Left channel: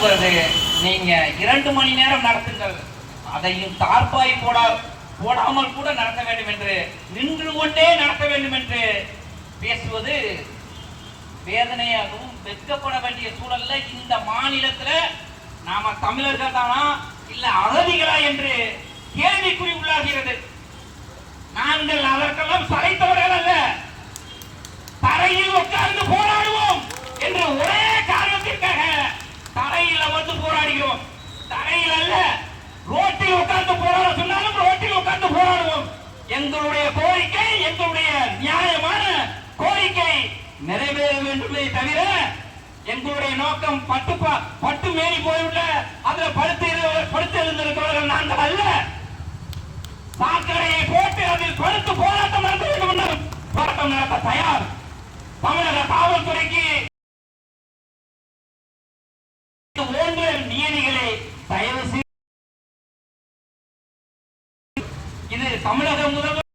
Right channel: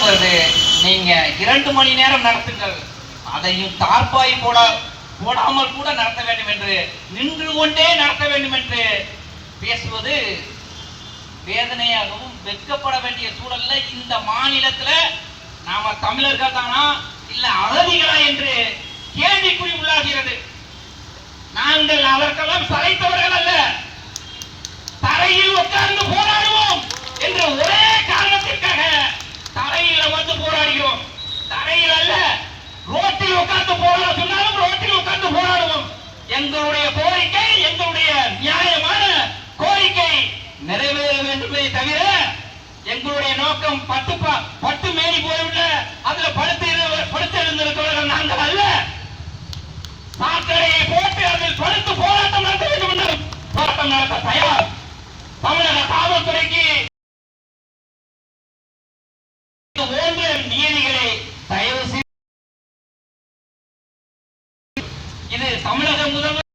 நீங்க 2 மணி நேரம் நடத்துங்கள், அதையும் தார்பாய் போடாமல் கூட நடத்த வேண்டும் என்று, நின்று கொண்டே நடத்த வேண்டும் என்று பேசுவது வேதனையாகவும் வெட்கப்பட வேண்டிய சூழல்ல இந்த மாநிலத்துல நாம தமிழர்கள் தானா இல்ல அகதிகளா என்று கேள்விக்குறி உள்ளாகிறது. நாங்கள் அதற்கெல்லாம் சளைத்தவர்கள் அல்ல, தரையில் உட்கார்ந்து போராடுவோம் என்று ஒரே காரணத்திற்காக தரையில் வந்து போராடுகிறோம். தரையில் அல்ல, ரோட்டில் உட்கார்ந்து போராட சொன்னாலும் ரோட்டில் உட்கார்ந்து போராடுவோம். எங்களுடைய கோரிக்கை, எங்களுடைய நியாயமான கோரிக்கை நிறைவேற வேண்டுமே தவிர எங்களுடைய நோக்கம் பட்டு மேறி போய்விட அதுல படுத்து எழுந்திருக்கிறவர்கள் நாங்கள் அல்ல. சாக்கடையை போட்டு அதில் படுத்து போராட்டம் நடத்த வேண்டும் என்று போராட்டம் நடத்த தயார். தமிழக காவல்துறைக்கு நீதிகளை தயவு செய்து இது தமிழக முதல்வர்